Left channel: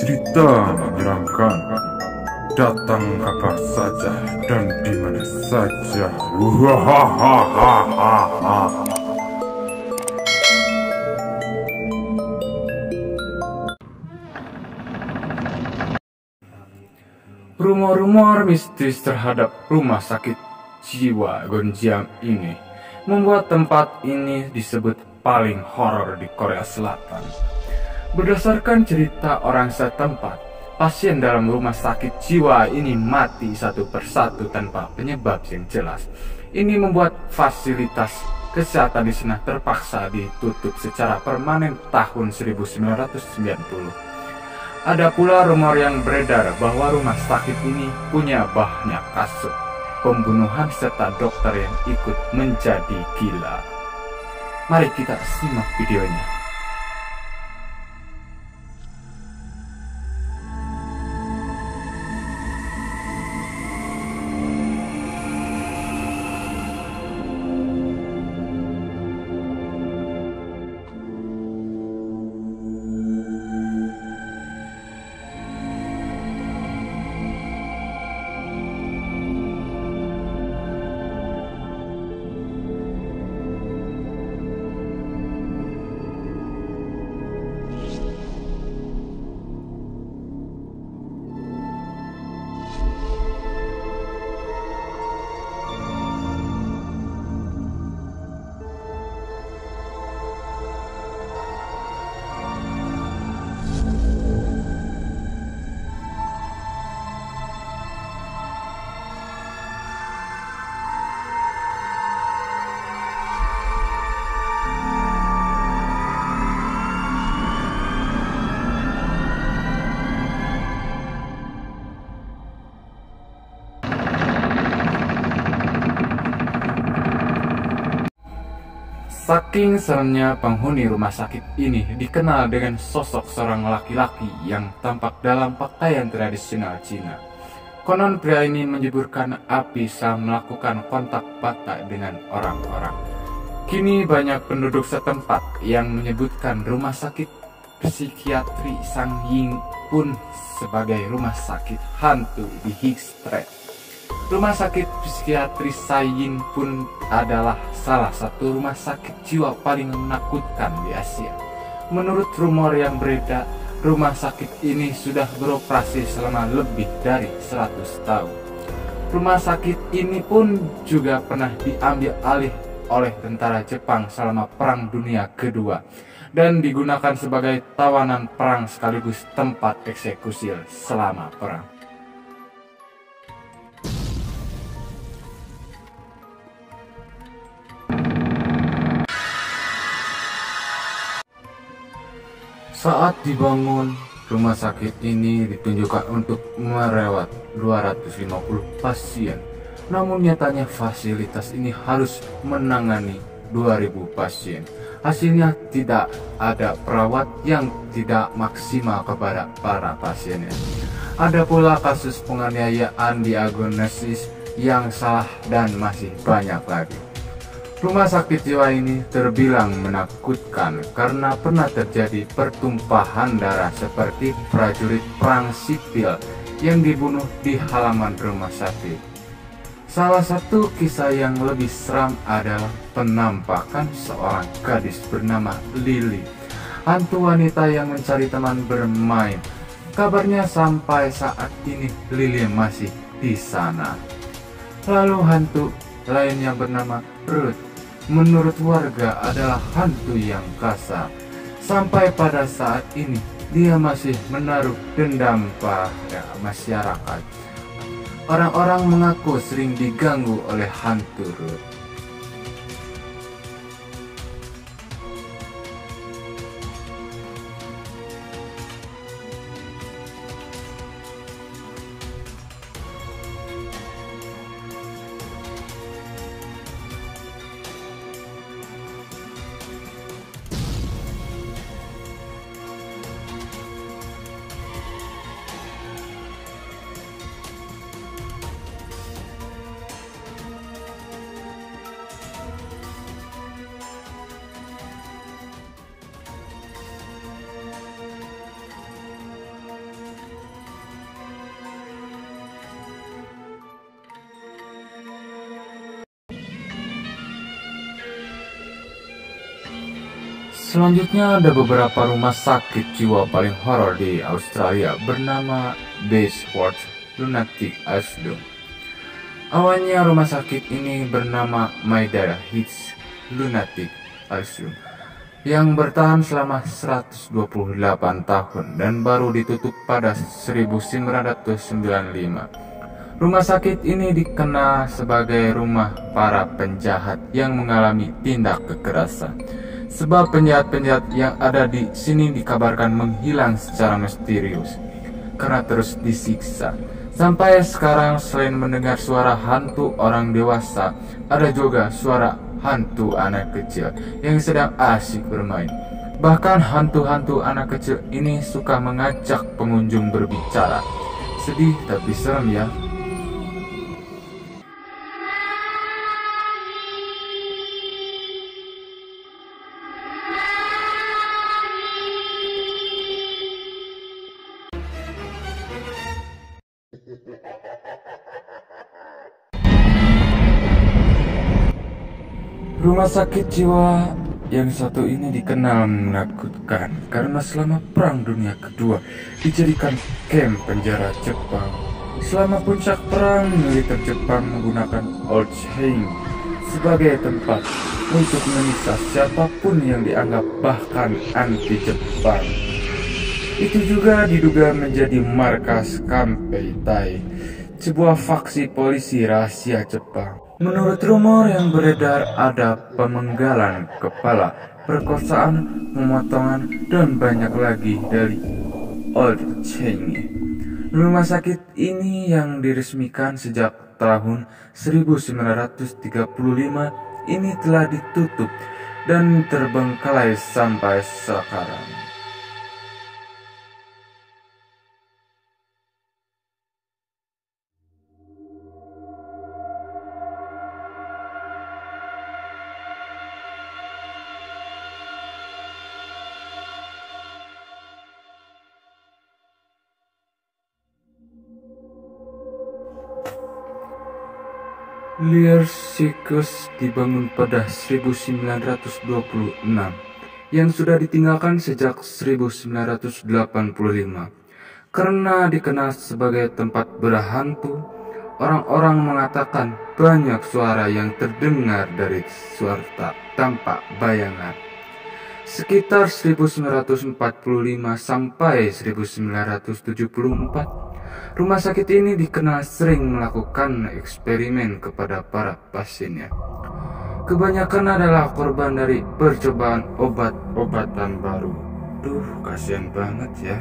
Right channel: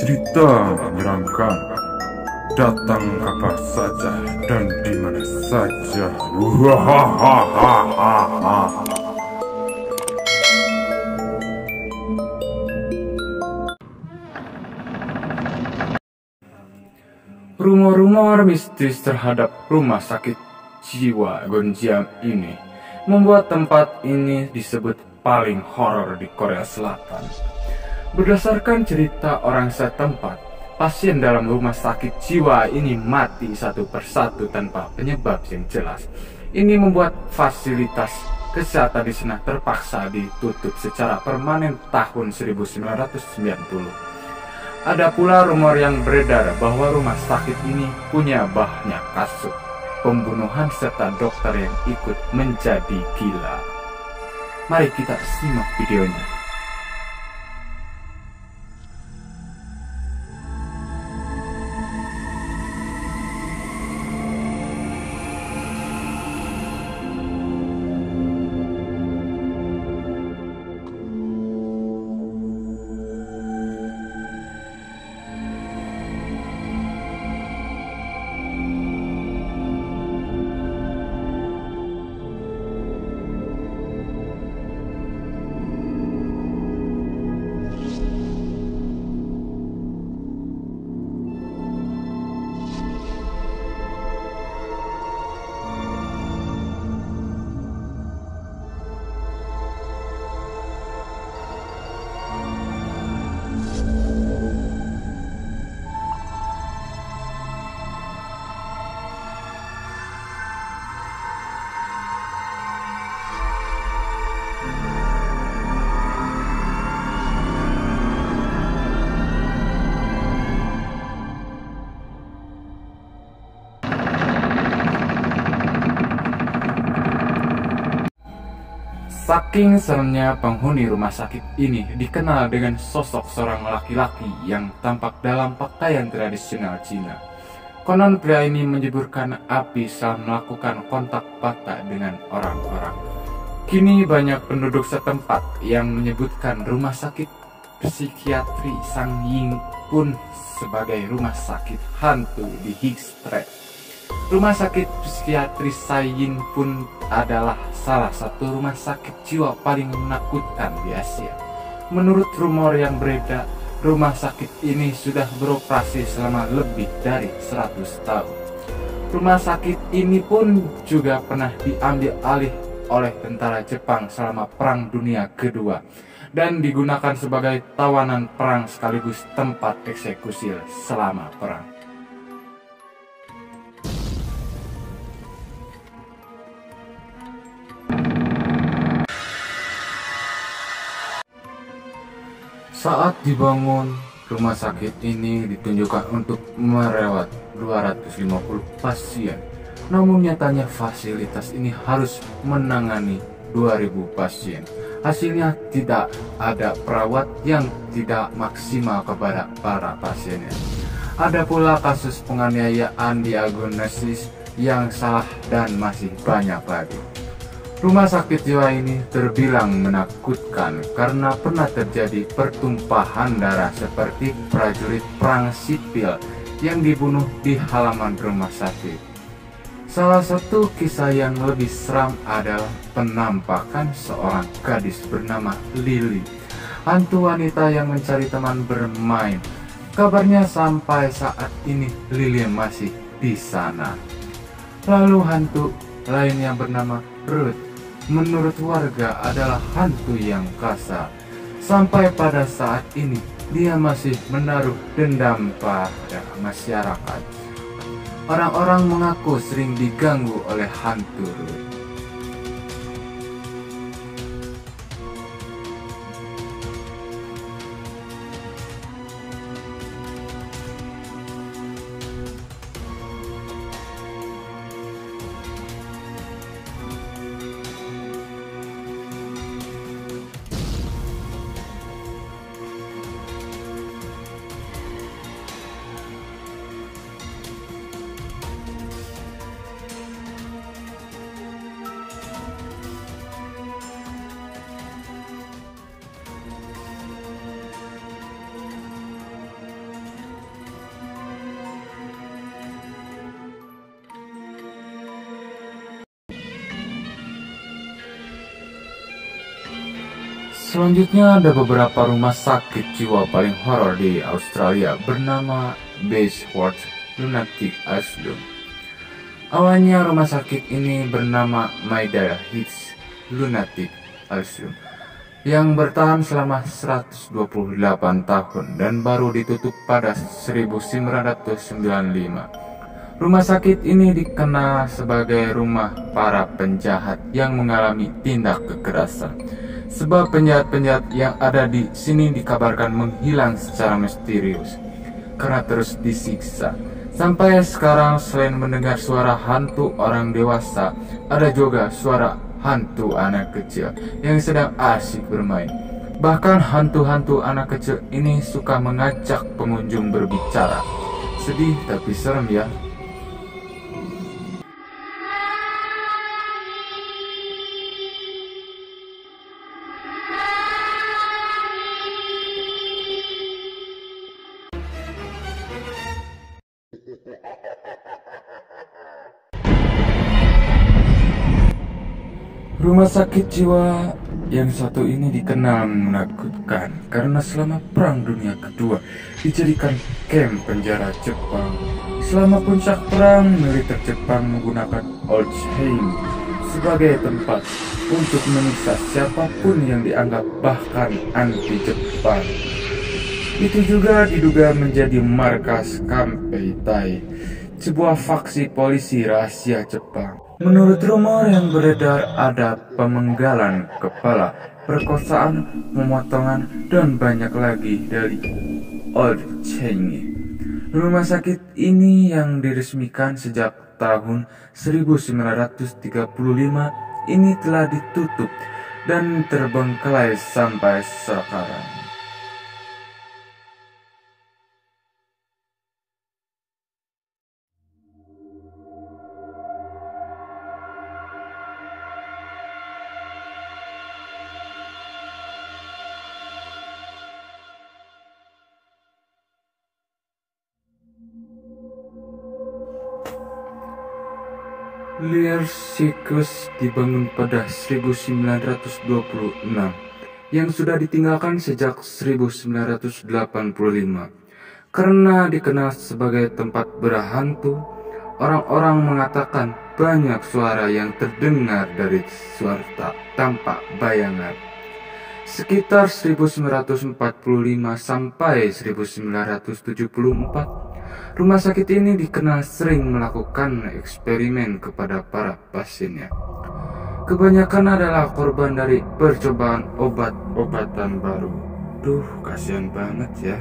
cerita menyeramkan. Datang kapan saja dan di mana saja. Wahahaha. Rumor-rumor mistis terhadap rumah sakit jiwa Gonjiam ini membuat tempat ini disebut paling horor di Korea Selatan. Berdasarkan cerita orang setempat, pasien dalam rumah sakit jiwa ini mati satu persatu tanpa penyebab yang jelas. Ini membuat fasilitas kesehatan di sana terpaksa ditutup secara permanen tahun 1990. Ada pula rumor yang beredar bahwa rumah sakit ini punya banyak kasus pembunuhan serta dokter yang ikut menjadi gila. Mari kita simak videonya. Saking seremnya penghuni rumah sakit ini dikenal dengan sosok seorang laki-laki yang tampak dalam pakaian tradisional Cina. Konon pria ini menyuburkan api saat melakukan kontak mata dengan orang-orang. Kini banyak penduduk setempat yang menyebutkan rumah sakit psikiatri Sang Ying pun sebagai rumah sakit hantu di Higgs Street. Rumah sakit psikiatri Sayin pun adalah salah satu rumah sakit jiwa paling menakutkan di Asia. Menurut rumor yang beredar, rumah sakit ini sudah beroperasi selama lebih dari 100 tahun. Rumah sakit ini pun juga pernah diambil alih oleh tentara Jepang selama Perang Dunia Kedua dan digunakan sebagai tawanan perang sekaligus tempat eksekusi selama perang. Saat dibangun, rumah sakit ini ditunjukkan untuk merawat 250 pasien. Namun nyatanya fasilitas ini harus menangani 2000 pasien. Hasilnya tidak ada perawat yang tidak maksimal kepada para pasiennya. Ada pula kasus penganiayaan diagnosis yang salah dan masih banyak lagi. Rumah sakit jiwa ini terbilang menakutkan karena pernah terjadi pertumpahan darah seperti prajurit perang sipil yang dibunuh di halaman rumah sakit. Salah satu kisah yang lebih seram adalah penampakan seorang gadis bernama Lily, hantu wanita yang mencari teman bermain. Kabarnya sampai saat ini Lily masih di sana. Lalu hantu lainnya bernama Ruth. Menurut warga adalah hantu yang kasar. Sampai pada saat ini dia masih menaruh dendam pada masyarakat. Orang-orang mengaku sering diganggu oleh hantu Ruth. Selanjutnya ada beberapa rumah sakit jiwa paling horor di Australia bernama Bayswater Lunatic Asylum. Awalnya rumah sakit ini bernama Maida Hills Lunatic Asylum yang bertahan selama 128 tahun dan baru ditutup pada 1995. Rumah sakit ini dikenal sebagai rumah para penjahat yang mengalami tindak kekerasan. Sebab penjahat-penjahat yang ada di sini dikabarkan menghilang secara misterius karena terus disiksa. Sampai sekarang selain mendengar suara hantu orang dewasa, ada juga suara hantu anak kecil yang sedang asyik bermain. Bahkan hantu-hantu anak kecil ini suka mengajak pengunjung berbicara. Sedih tapi serem ya. Rumah sakit jiwa yang satu ini dikenal menakutkan karena selama Perang Dunia Kedua dijadikan kamp penjara Jepang. Selama puncak perang, militer Jepang menggunakan Old Chain sebagai tempat untuk menyiksa siapapun yang dianggap bahkan anti Jepang. Itu juga diduga menjadi markas Kampei Tai, sebuah faksi polisi rahasia Jepang. Menurut rumor yang beredar, ada pemenggalan kepala, perkosaan, pemotongan, dan banyak lagi dari Old Chain. Rumah sakit ini yang diresmikan sejak tahun 1935 ini telah ditutup dan terbengkalai sampai sekarang. Liar Circus dibangun pada 1926 yang sudah ditinggalkan sejak 1985. Karena dikenal sebagai tempat berhantu, orang-orang mengatakan banyak suara yang terdengar dari suara tampak bayangan. Sekitar 1945 sampai 1974, rumah sakit ini dikenal sering melakukan eksperimen kepada para pasiennya. Kebanyakan adalah korban dari percobaan obat-obatan baru. Duh, kasihan banget ya.